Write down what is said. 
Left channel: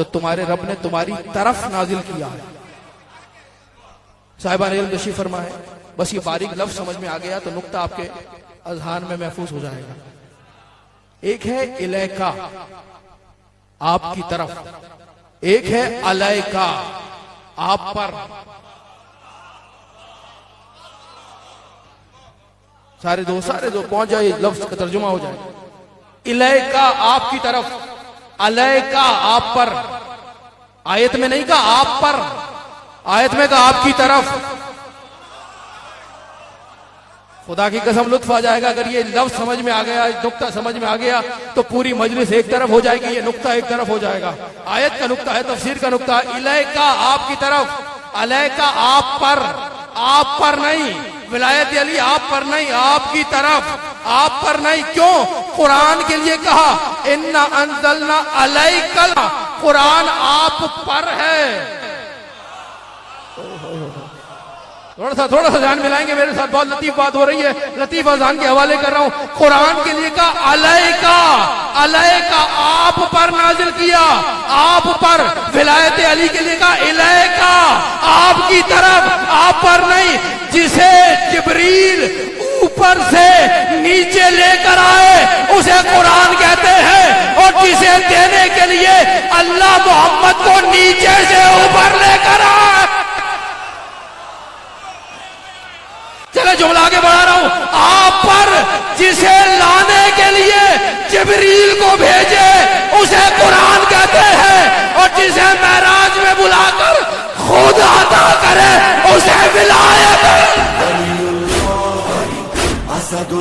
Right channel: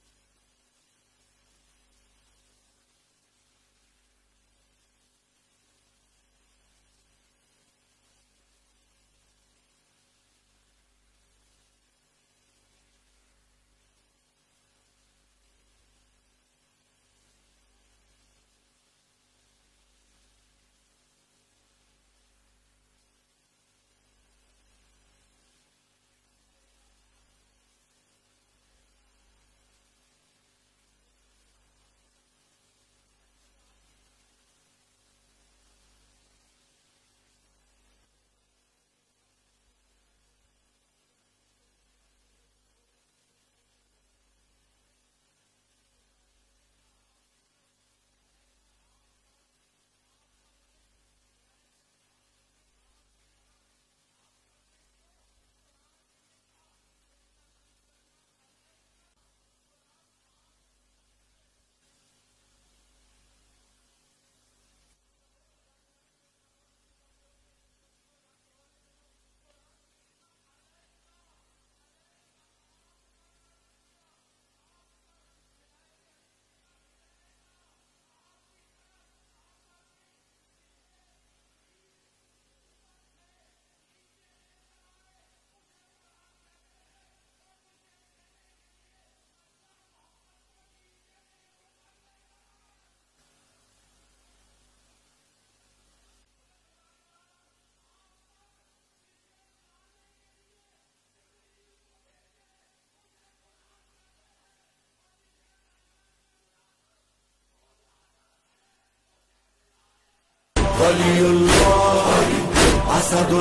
جو تمہارے رب نے تمہاری طرف نازل کیا ہے۔ صاحبان علم تشریف فرما ہے، بس یہ باریک لفظ سمجھ میں آ گیا تو نقطہ آپ کے اذہان میں محفوظ ہو جائے گا۔ ایک ہے الیکا، آپ کی طرف، ایک ہے علیکا، آپ پر۔ سارے دو پہنچ جائے، لفظ کا ترجمہ ہو جائے۔ الیکا آپ کی طرف، علیکا آپ پر۔ آیت میں نہیں کہا آپ پر، آیت میں کہا آپ کی طرف۔ خدا کی قسم لطف آ جائے گا اگر یہ لفظ سمجھ میں آ گیا، نقطہ سمجھ میں آ گیا تو پوری مجلس ایک طرف ہو جائے گی، یہ نقطہ ایک طرف ہو جائے گا۔ آیت کا نقطہ ہے، تفسیر کا نقطہ ہے۔ الیکا آپ کی طرف، علیکا آپ پر، آپ پر نہیں، ولایت علی آپ پر نہیں، آپ کی طرف، آپ پر نہیں۔ کیوں؟ قرآن کے لیے کہا اِنَّا أَنزَلْنَا عَلَيْكَ، قرآن آپ پر ہے۔ تھوڑا سا ذہن ملائیں گے میرے ساتھ، بہت لطیف بات ہو رہی ہے، لطیف اذہان کے حوالے کر رہا ہوں۔ قرآن کے لیے کہا علیکا، علیکا آپ پر نازل کیا، آپ پر۔ ولایت علی کے لیے کہا الیکا آپ کی طرف، آپ پر نہیں۔ جسے جبریل اوپر سے نیچے لے کر آئے اسے قرآن کہتے ہیں، اور جسے دینے کے لیے اللہ محمد کو نیچے سے اوپر لے کر آئے۔ چلے جملہ آگے بڑھا رہا ہوں، آپ پر جسے لانے کے لیے جبریل کو بھیجے اسے قرآن کہتے ہیں، اور جسے معراج میں بلا کر خود عطا کرے اسے ولایت۔ ولی اللہ اسد